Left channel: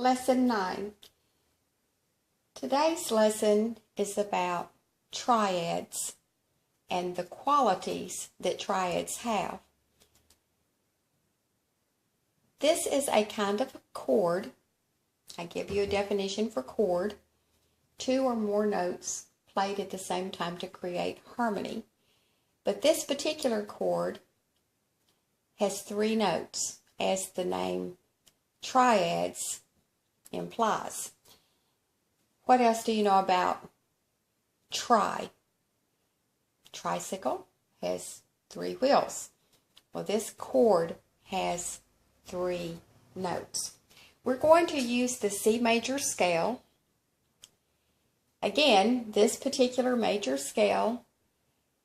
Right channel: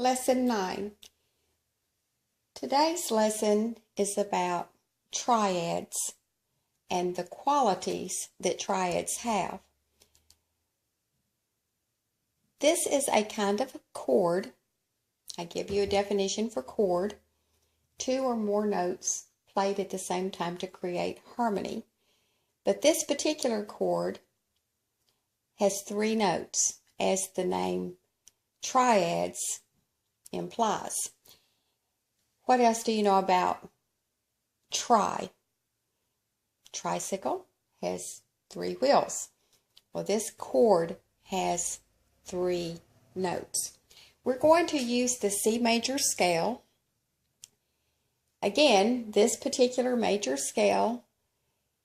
Lesson 9. Today's lesson is about triads and the qualities that triads have. This is a kind of a chord. I give you a definition for chord. Two or more notes played at the same time to create harmony. But this particular chord has three notes, as the name triads implies. What else do you know about tri? Tricycle has three wheels. Well, this chord has three notes. We're going to use the C major scale. Again, this particular major scale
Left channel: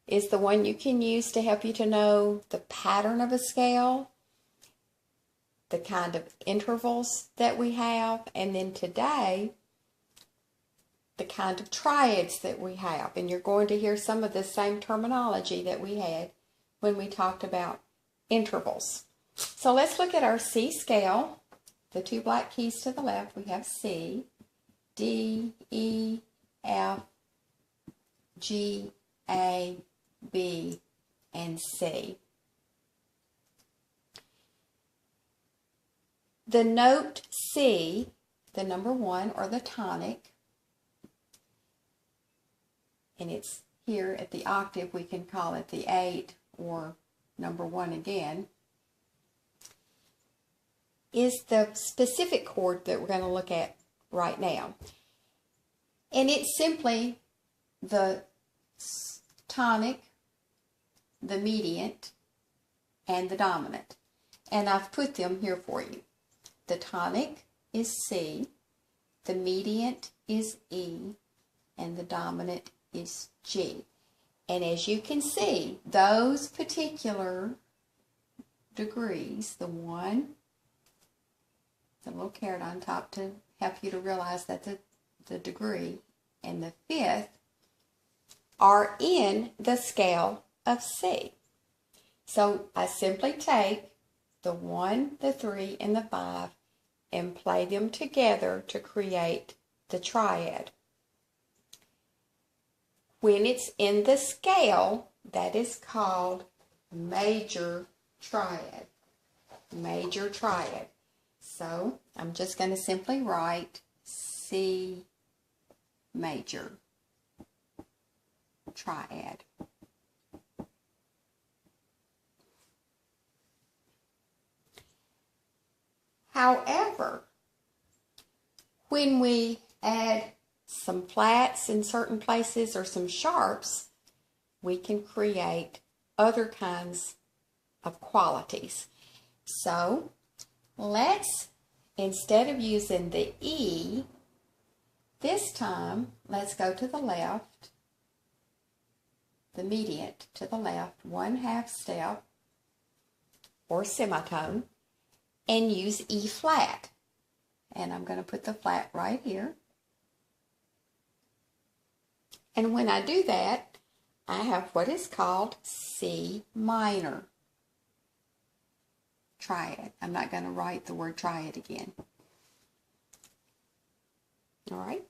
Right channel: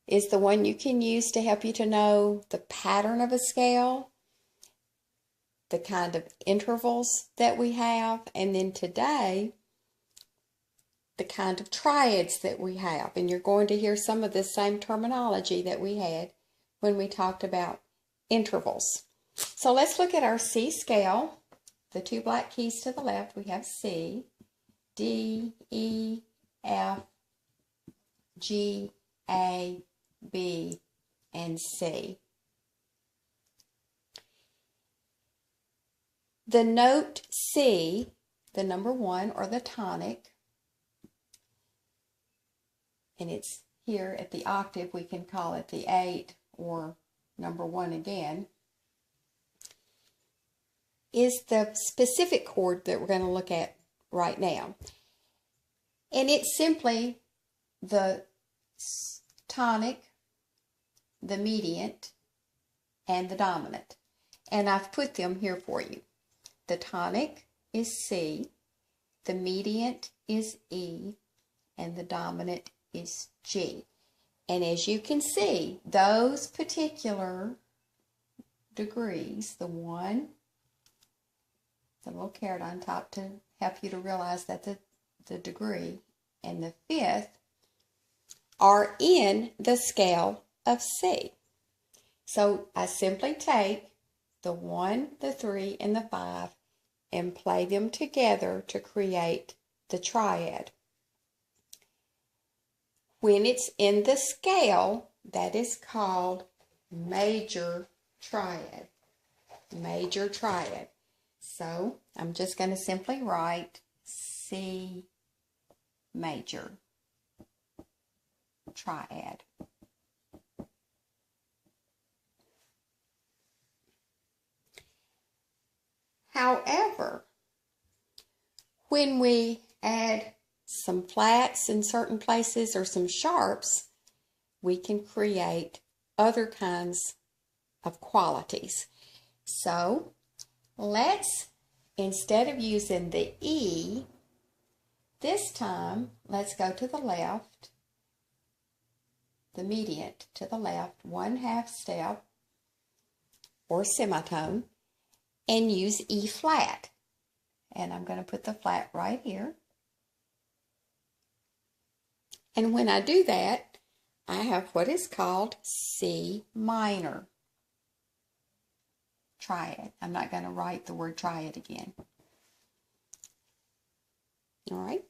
is the one you can use to help you to know the pattern of a scale, the kind of intervals that we have, and then today, the kind of triads that we have. And you're going to hear some of the same terminology that we had when we talked about intervals. So let's look at our C scale. The two black keys to the left, we have C, D, E, F, G, A, B, and C. The note C, the number 1 or the tonic, and it's here at the octave, we can call it the 8 or number 1 again, is the specific chord that we're going to look at right now. And it's simply the tonic, the mediant, and the dominant. And I've put them here for you. The tonic is C, the mediant is E, and the dominant is G. And as you can see, those particular degrees, the 1, the little caret on top to help you to realize that the degree, and the 5th are in the scale of C. So I simply take the 1, the 3, and the 5 and play them together to create the triad. When it's in the scale, that is called major triad. Major triad. So I'm just going to simply write C major triad. However, when we add some flats in certain places or some sharps, we can create other kinds of qualities. So let's, instead of using the E, this time let's go to the left, the mediant to the left, 1/2 step or semitone, and use E flat. And I'm going to put the flat right here. And when I do that, I have what is called C minor triad. I'm not going to write the word triad again. All right.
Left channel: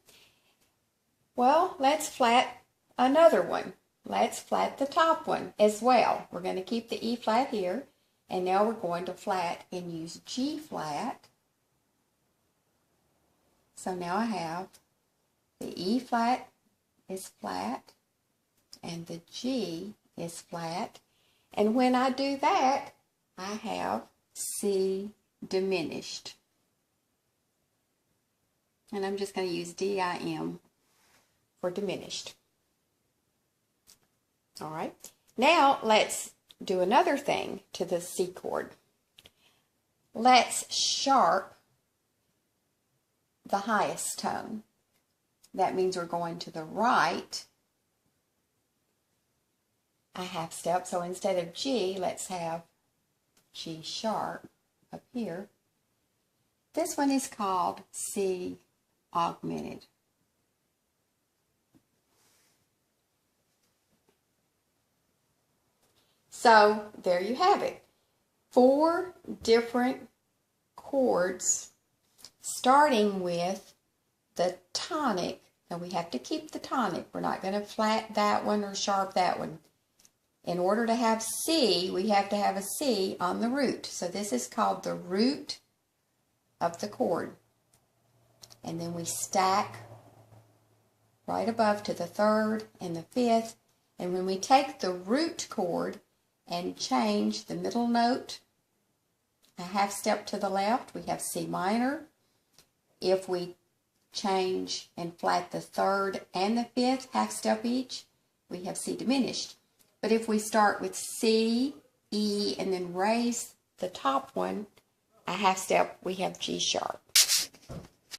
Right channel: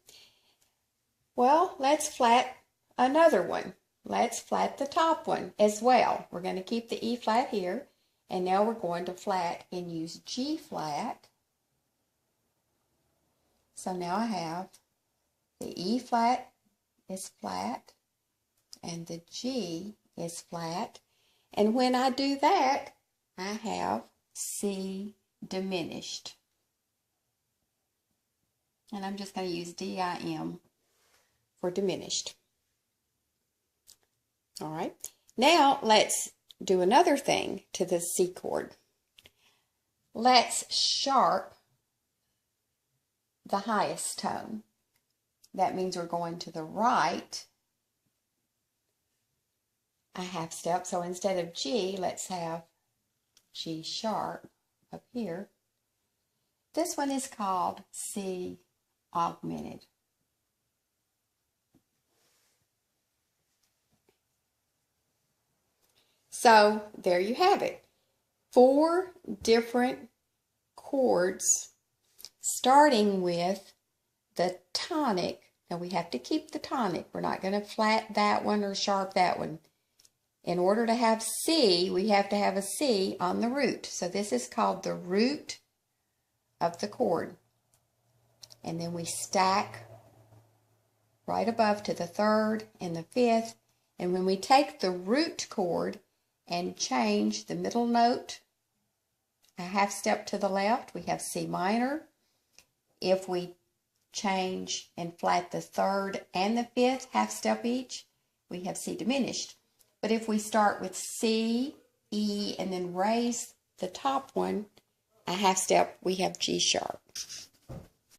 Well, let's flat another one. Let's flat the top one as well. We're going to keep the E flat here. And now we're going to flat and use G flat. So now I have the E flat is flat and the G is flat. And when I do that, I have C diminished. And I'm just going to use D-I-M for diminished. All right. Now let's do another thing to the C chord. Let's sharp the highest tone. That means we're going to the right a half step. So instead of G, let's have G sharp up here. This one is called C augmented. So there you have it. 4 different chords starting with the tonic. Now we have to keep the tonic. We're not going to flat that one or sharp that one. In order to have C, we have to have a C on the root. So this is called the root of the chord. And then we stack right above to the third and the fifth. And when we take the root chord and change the middle note a half step to the left, we have C minor. If we change and flat the third and the fifth half step each, we have C diminished. But if we start with C, E, and then raise the top one a half step, we have G sharp.